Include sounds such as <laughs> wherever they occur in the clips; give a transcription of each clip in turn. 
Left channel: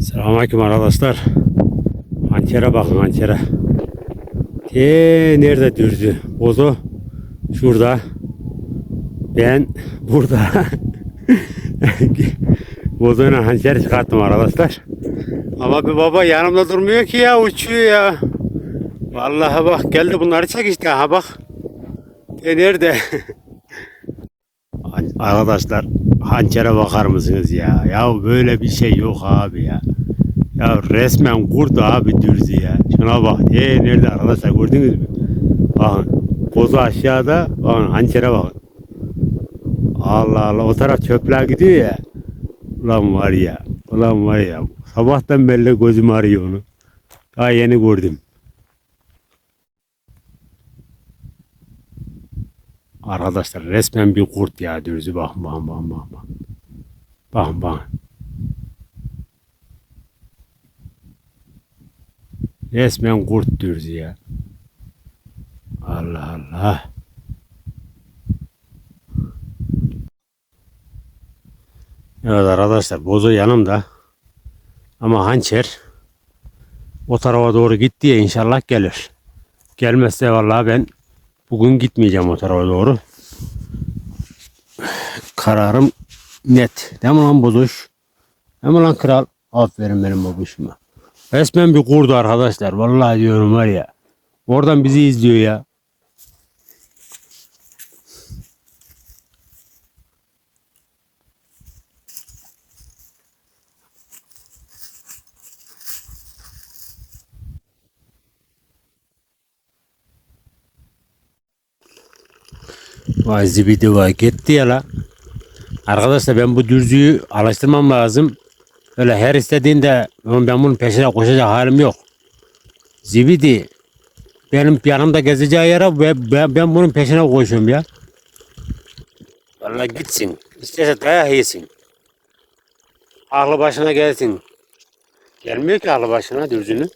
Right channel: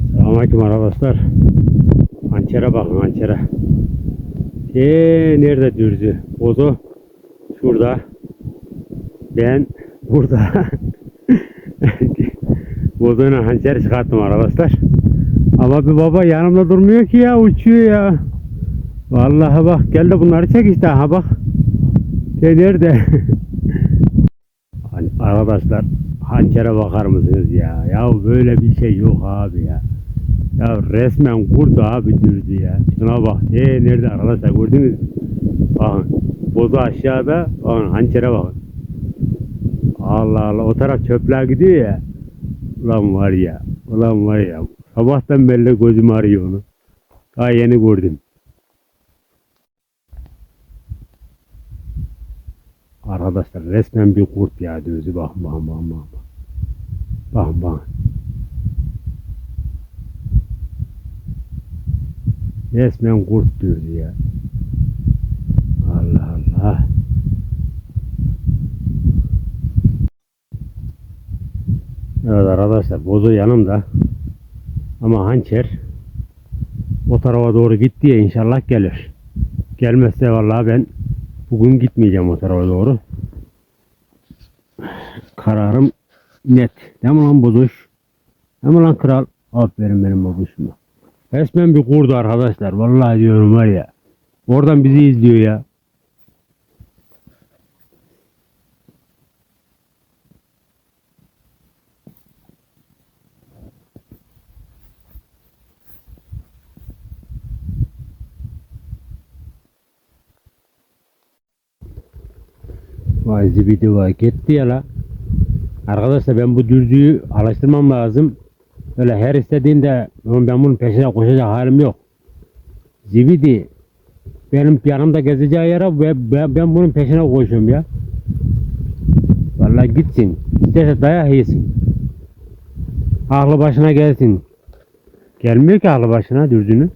Selamünaleyküm arkadaşlar. Hançere bakın hançere. Te nerede dürdü? Bozo şurada. Ben burada. <laughs> Bozoyla hançer çıkarttım arkadaşlar. Ama bir baba yanımda durmuyor ki ya uçuyor ya. Vallahi bak gel de bunları çek işte ha bak. Te nerede? <laughs> Arkadaşlar hançere bakar mısınız ya? Ya böyle bir şey yok abi ya. Ya resmen kurdu abi dürzü ya. Şuna bak. Ee nerede arkadaşlar gördünüz mü? Bakın. Bozu aşağıda. Bakın hançere bakın. Allah Allah o taraf çöpler gidiyor ya. Ulan var ya. Ulan var ya. Sabahtan beri gözüm arıyor onu. Daha yeni gördüm. Arkadaşlar resmen bir kurt ya dürzü bakın bakın bakın bakın. Bakın bakın. Resmen kurt dürzü ya. Allah Allah. Evet arkadaşlar bozu yanımda. Ama hançer o tarafa doğru gitti ya inşallah gelir. Gelmezse vallahi ben bugün gitmeyeceğim o tarafa doğru. Kararım net. Değil mi lan bozuş? Değil mi lan kral? Aferin benim babuşuma. Resmen bir kurdu arkadaşlar. Vallahi diyorum var ya. Oradan bizi izliyor ya. Vay zibidi vay gitti ya la. Arkadaşlar ben bu dürzüyü alıştırmam lazım. Öyle her istediğinde "Oğlum ben bunun peşine koşacak halim yok. Zibidi benim yanımda gezeceği yere ve ben, ben bunun peşine koşuyorum ya. Vallahi gitsin. İsterse dayak yesin. Aklı başına gelsin. Gelmiyor ki aklı başına dürzünün.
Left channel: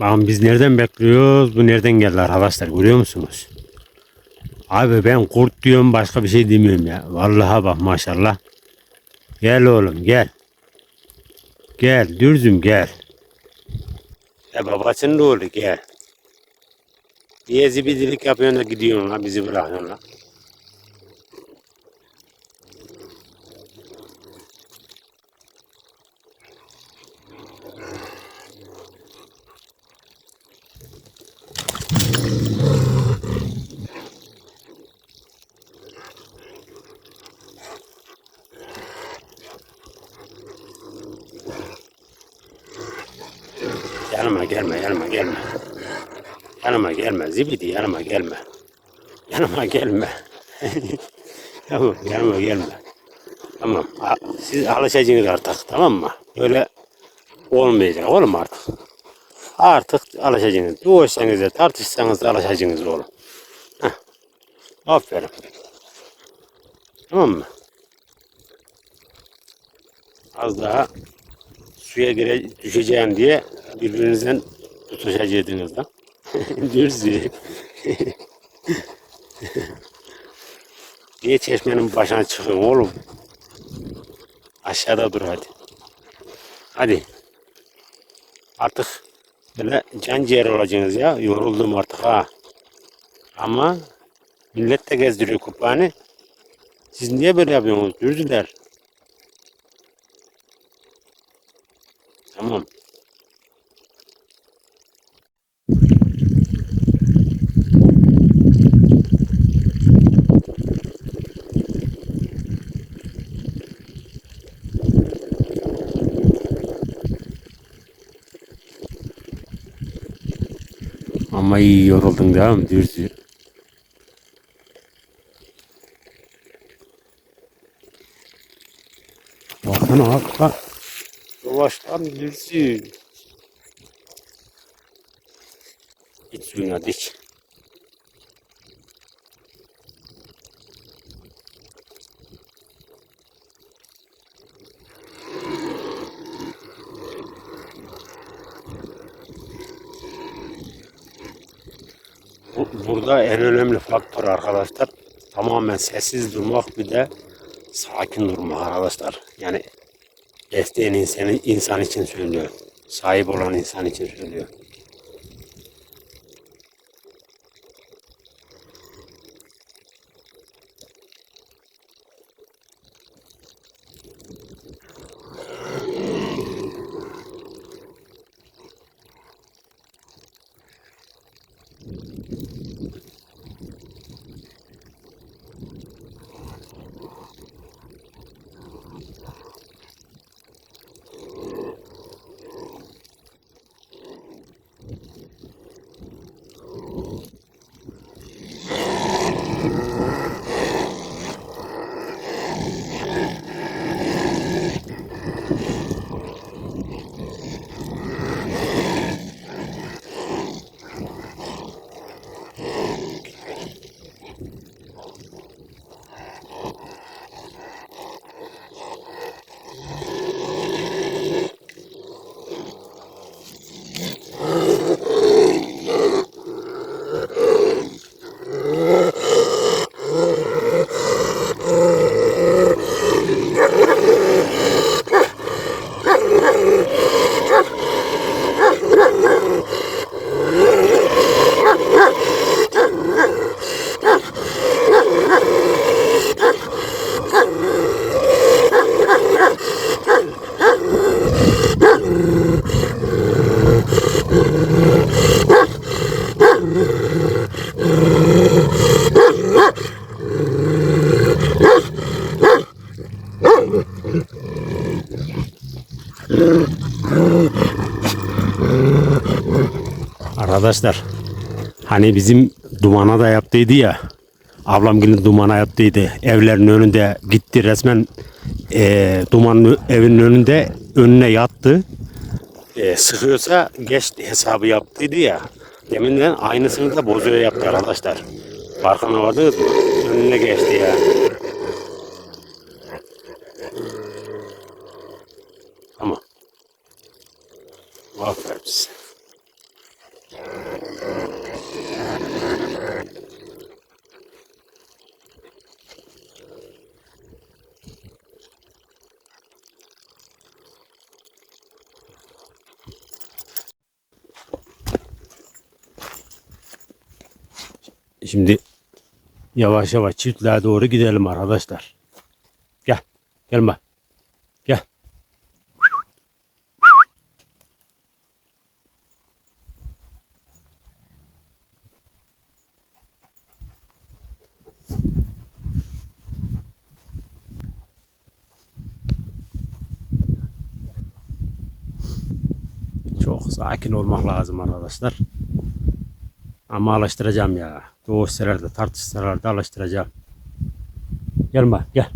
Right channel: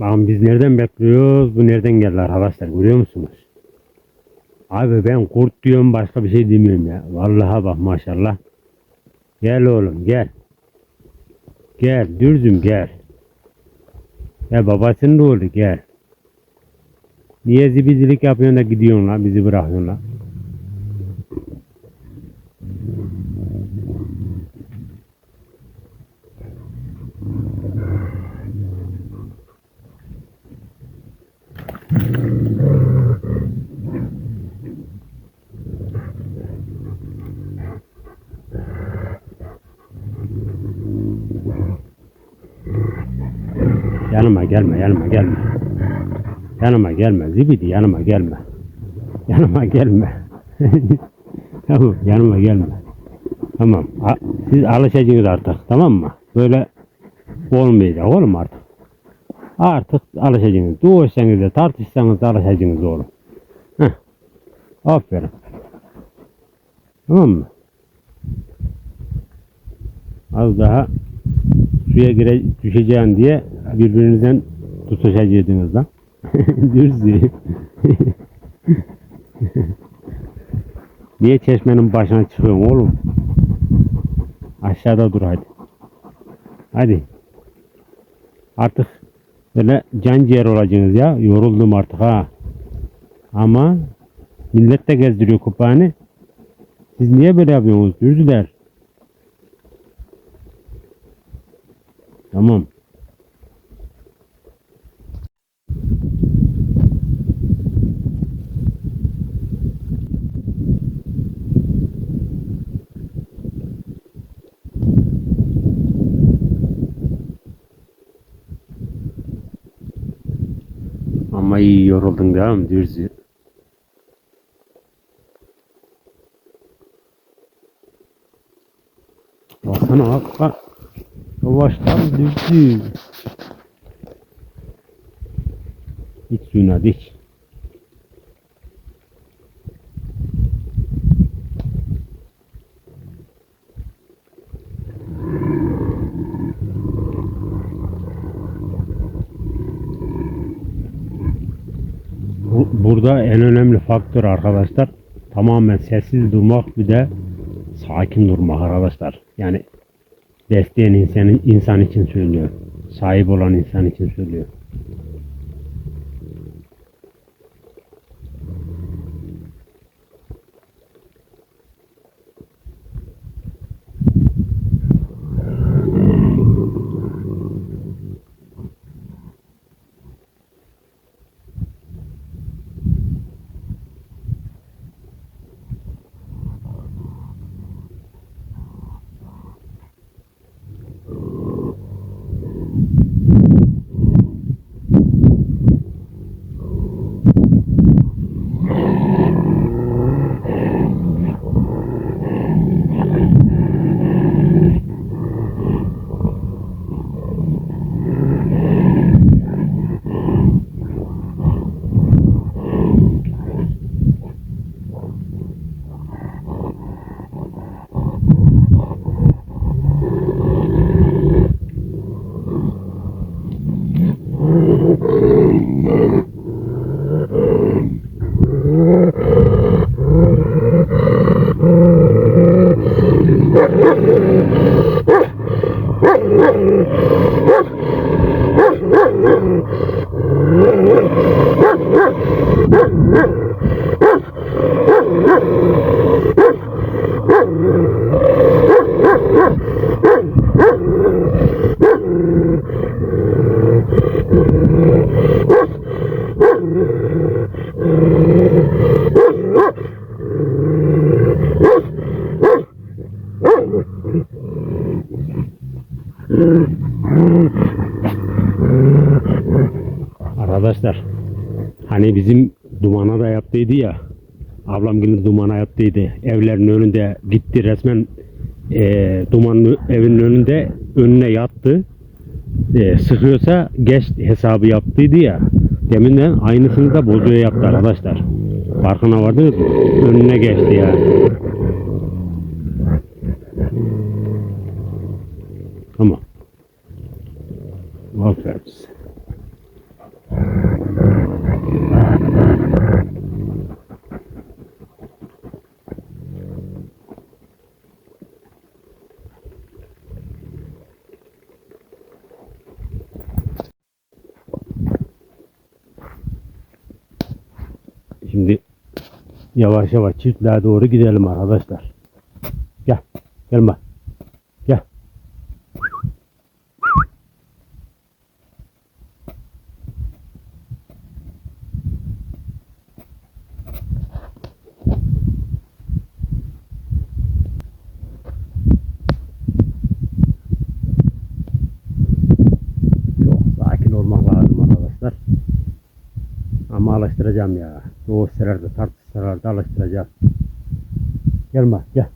Bakın biz nereden bekliyoruz? Bu nereden geldi arkadaşlar görüyor musunuz? Abi ben kurt diyorum başka bir şey demiyorum ya. Vallahi bak maşallah. Gel oğlum gel. Gel dürzüm gel. Ya babasının oğlu gel. Niye zibidilik yapıyorsun da gidiyorsun la bizi bırakıyorsun la. Yanıma gelme, yanıma gelme. Yanıma gelme, zibidi yanıma gelme. Yanıma gelme. <laughs> tamam, yanıma gelme. Tamam, siz alışacaksınız artık, tamam mı? Böyle olmayacak oğlum artık. Artık alışacaksınız. Doğuşsanız da tartışsanız da alışacaksınız oğlum. Heh. Aferin. Tamam mı? Az daha suya gire, düşeceğim diye birbirinizden tutuşacaktınız lan. <laughs> Dürzü. Niye çeşmenin başına çıkıyorsun oğlum? Aşağıda dur hadi. Hadi. Artık böyle can ciğer olacaksınız ya. Yoruldum artık ha. Ama millet de gezdiriyor kupağını. Siz niye böyle yapıyorsunuz? Dürzüler. Tamam. Ama iyi yoruldun değil mi? Dürzü. Baksana bak bak. Yavaştan dürzü. İç suyunu hadi iç. Bu- Burada en önemli faktör arkadaşlar tamamen sessiz durmak bir de sakin durmak arkadaşlar. Yani besleyen insan, insan için söylüyor. Sahip olan insan için söylüyor. Arkadaşlar hani bizim dumana da yaptıydı ya ablam gelin dumana yaptıydı. Evlerin önünde gitti resmen e, dumanın evinin önünde önüne yattı. E, sıkıyorsa geç hesabı yaptıydı ya deminden aynısını da bozuyor yaptı arkadaşlar. Farkına vardınız mı? Önüne geçti ya tamam aferin size. Şimdi yavaş yavaş çiftliğe doğru gidelim arkadaşlar. Gel. Gelme. Gel. Çok sakin olmak lazım arkadaşlar. Ama alıştıracağım ya. Doğuşsalar da tartışsalar da alıştıracağım. Gelme gel.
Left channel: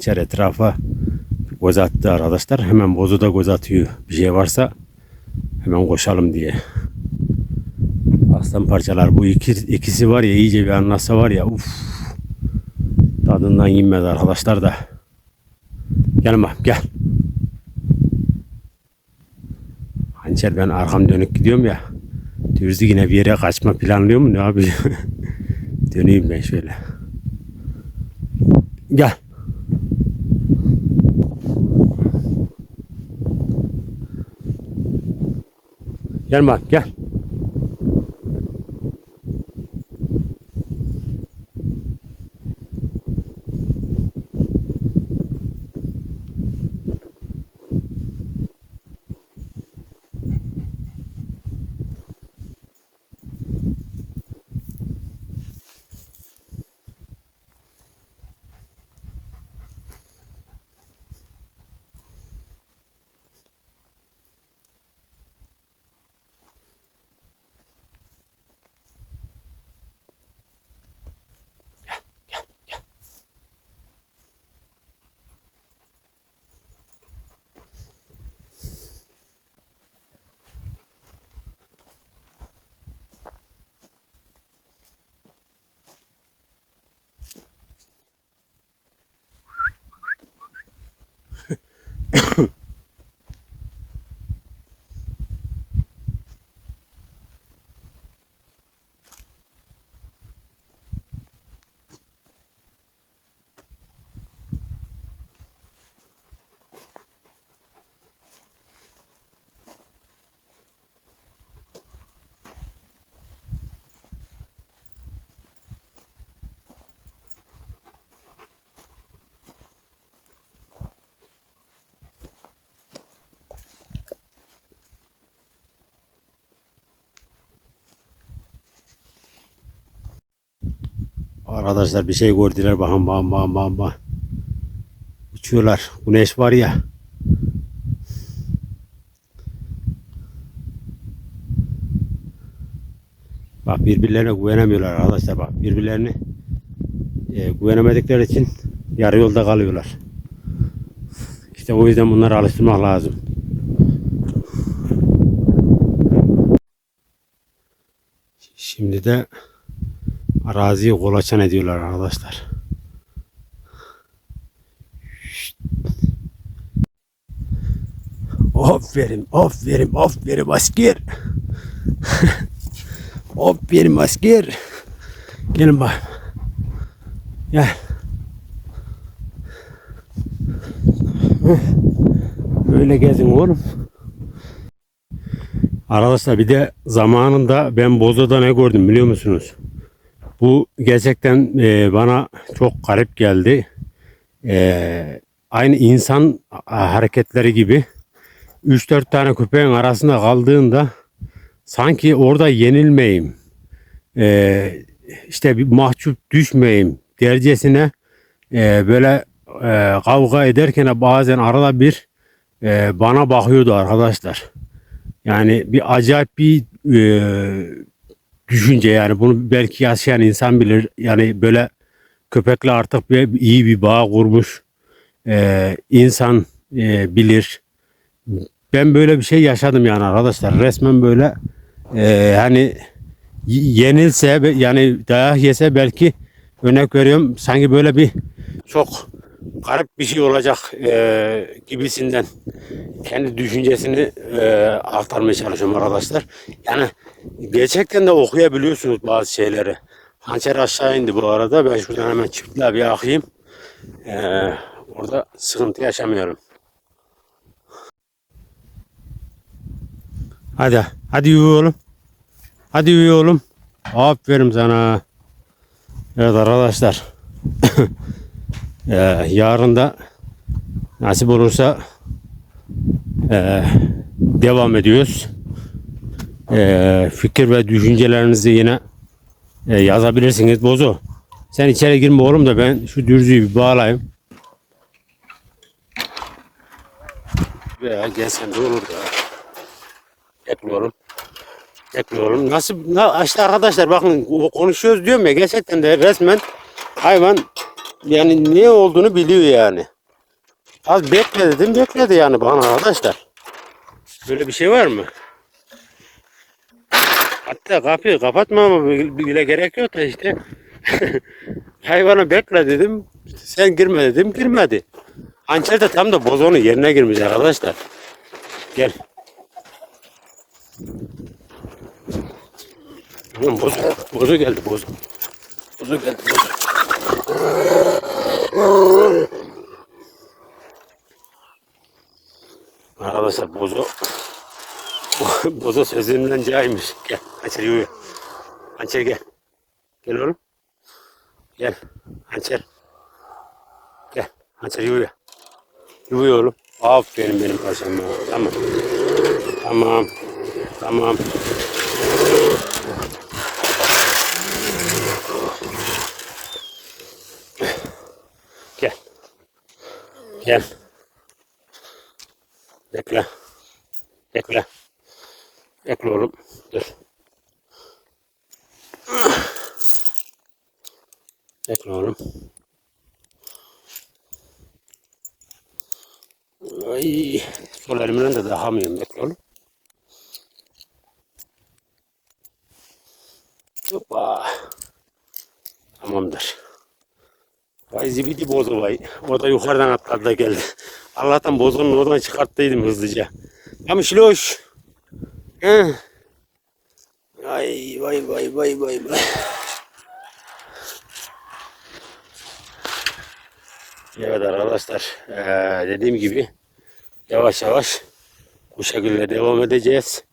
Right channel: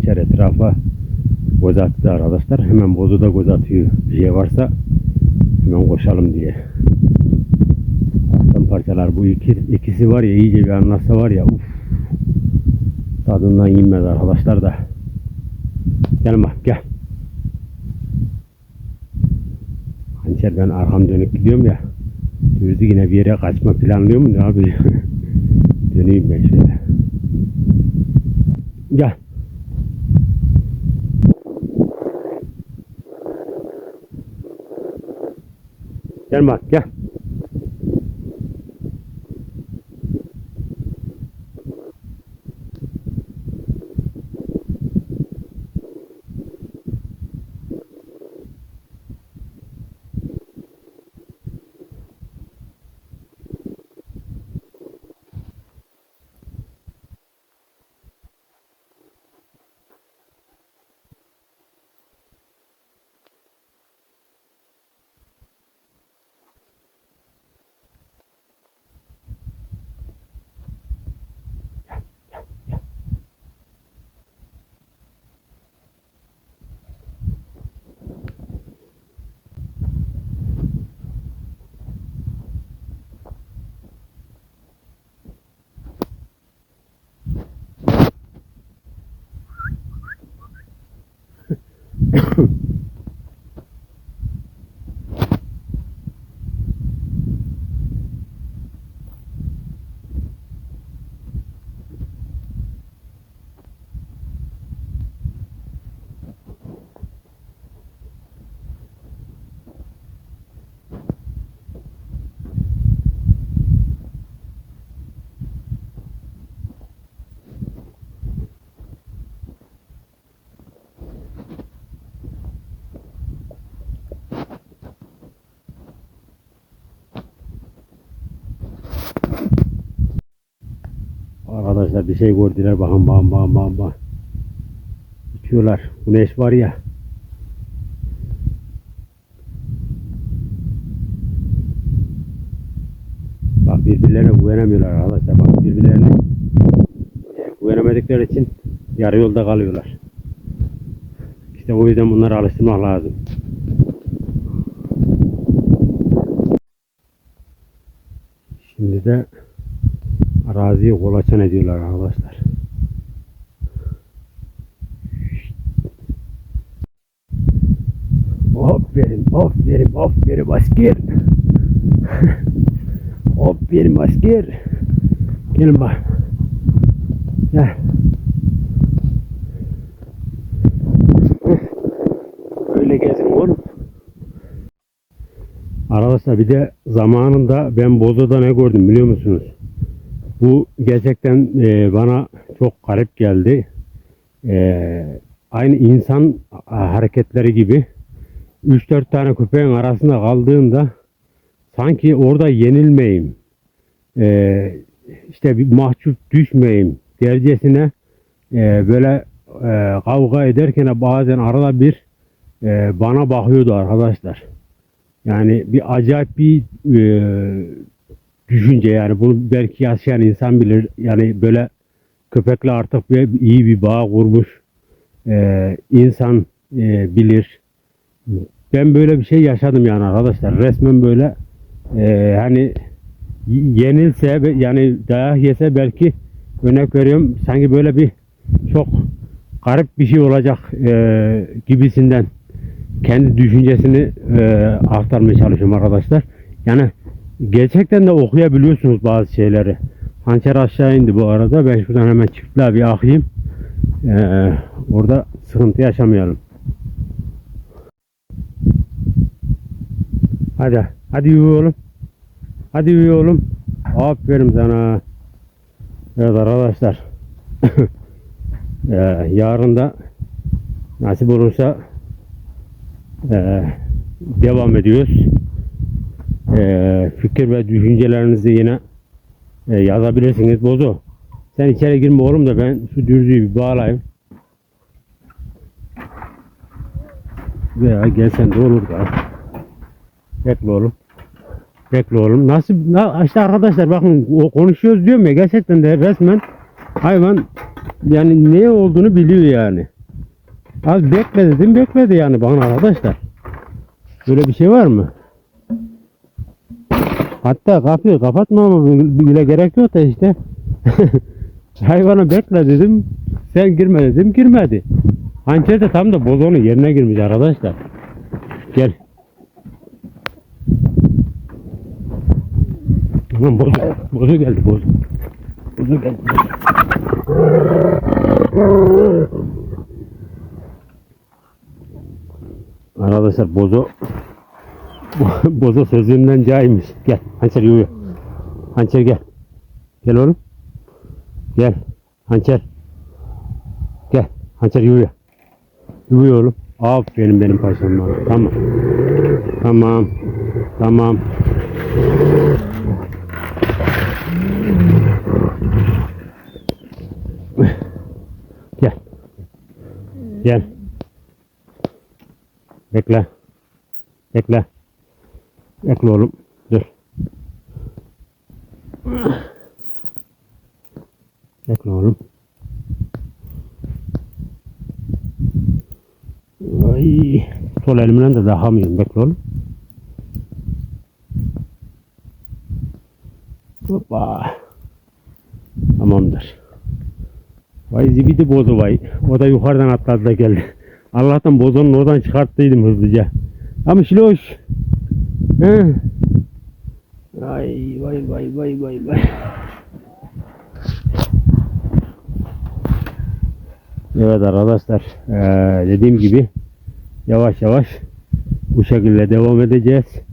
Hançer etrafa göz attı arkadaşlar. Hemen bozu da göz atıyor. Bir şey varsa hemen koşalım diye. Aslan parçalar bu iki, ikisi var ya iyice bir anlasa var ya uf. Tadından yenmez arkadaşlar da. Gelme gel. Hançer ben arkam dönük gidiyorum ya. Dürzü yine bir yere kaçma planlıyor mu ne yapıyor? <laughs> Döneyim ben şöyle. Gel. Gel bak gel. Arkadaşlar bir şey gördüler bakın bakın bakın bakın. Uçuyorlar. Güneş var ya. Bak birbirlerine güvenemiyorlar arkadaşlar. Bak birbirlerine e, güvenemedikleri için yarı yolda kalıyorlar. İşte o yüzden bunları alıştırmak lazım. Şimdi de araziyi kolaçan ediyorlar arkadaşlar. Aferin, aferin, aferin asker. <laughs> aferin asker. Gelin bak. Gel. Öyle gezin oğlum. Arkadaşlar bir de zamanında ben Bozo'da ne gördüm biliyor musunuz? Bu gerçekten e, bana çok garip geldi. E, aynı insan hareketleri gibi 3-4 tane köpeğin arasında kaldığında sanki orada yenilmeyeyim. E, işte bir mahcup düşmeyeyim dercesine e, böyle e, kavga ederken bazen arada bir e, bana bakıyordu arkadaşlar. Yani bir acayip bir e, düşünce yani bunu belki yaşayan insan bilir. Yani böyle köpekle artık bir, iyi bir bağ kurmuş e, insan e, bilir. Ben böyle bir şey yaşadım yani arkadaşlar. Resmen böyle e, hani yenilse yani dayak yese belki örnek veriyorum sanki böyle bir çok garip bir şey olacak e, gibisinden kendi düşüncesini e, aktarmaya çalışıyorum arkadaşlar. Yani gerçekten de okuyabiliyorsunuz bazı şeyleri. Hançer aşağı indi bu arada. Ben şuradan hemen çiftliğe bir akayım. E, orada sıkıntı yaşamayalım. Hadi. Hadi yürü oğlum. Hadi yürü oğlum. Aferin sana. Evet arkadaşlar. <coughs> e, yarın da nasip olursa ee, devam ediyoruz. Ee, fikir ve düşüncelerinizi yine e, yazabilirsiniz. Bozo. Sen içeri girme oğlum da ben şu dürzüyü bir bağlayayım. Veya gelsen de olur da. Bekle oğlum. Bekle oğlum. Nasıl? Na, işte arkadaşlar bakın konuşuyoruz diyorum ya gerçekten de resmen hayvan yani ne olduğunu biliyor yani. Az bekle dedim bekledi yani bana arkadaşlar. Böyle bir şey var mı? Hatta kapıyı kapatmama bile gerek yok da işte. <laughs> Hayvana bekle dedim. Sen girme dedim girmedi. Hançer de tam da bozonun yerine girmiş arkadaşlar. Gel. Lan bozu, bozu geldi bozu. Bozu geldi bozu. Arkadaşlar bozo bozo sözünden caymış. Gel hançer yürü. Hançer gel. Gel oğlum. Gel. Hançer. Gel. Hançer yürü. Yürü oğlum. Aferin benim paşam. Tamam. Tamam. Tamam. Gel. Gel. Bekle. Bekle. Bekle oğlum. Dur. Bekle oğlum. Ay, sol elimle de dahamıyorum. Bekle oğlum. Hoppa. Tamamdır. Vay zibidi bozu vay. O da yukarıdan atladı da geldi. Allah'tan bozonun oradan çıkarttıydım hızlıca. Ama şiloş. Ay vay vay vay vay vay. Evet arkadaşlar eee, dediğim gibi yavaş yavaş bu şekilde devam edeceğiz.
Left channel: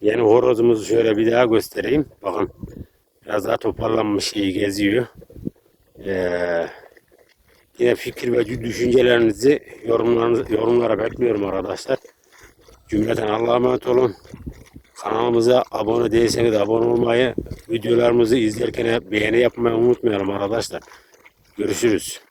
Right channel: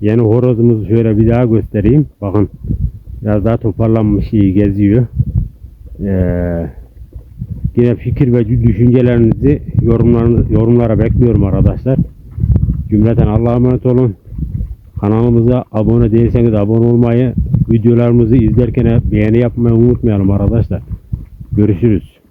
Yeni horozumuzu şöyle bir daha göstereyim. Bakın biraz daha toparlanmış iyi geziyor. Eee Yine fikir ve düşüncelerinizi yorumlarınız, yorumlara bekliyorum arkadaşlar. Cümleten Allah'a emanet olun. Kanalımıza abone değilseniz abone olmayı, videolarımızı izlerken beğeni yapmayı unutmayalım arkadaşlar. Görüşürüz.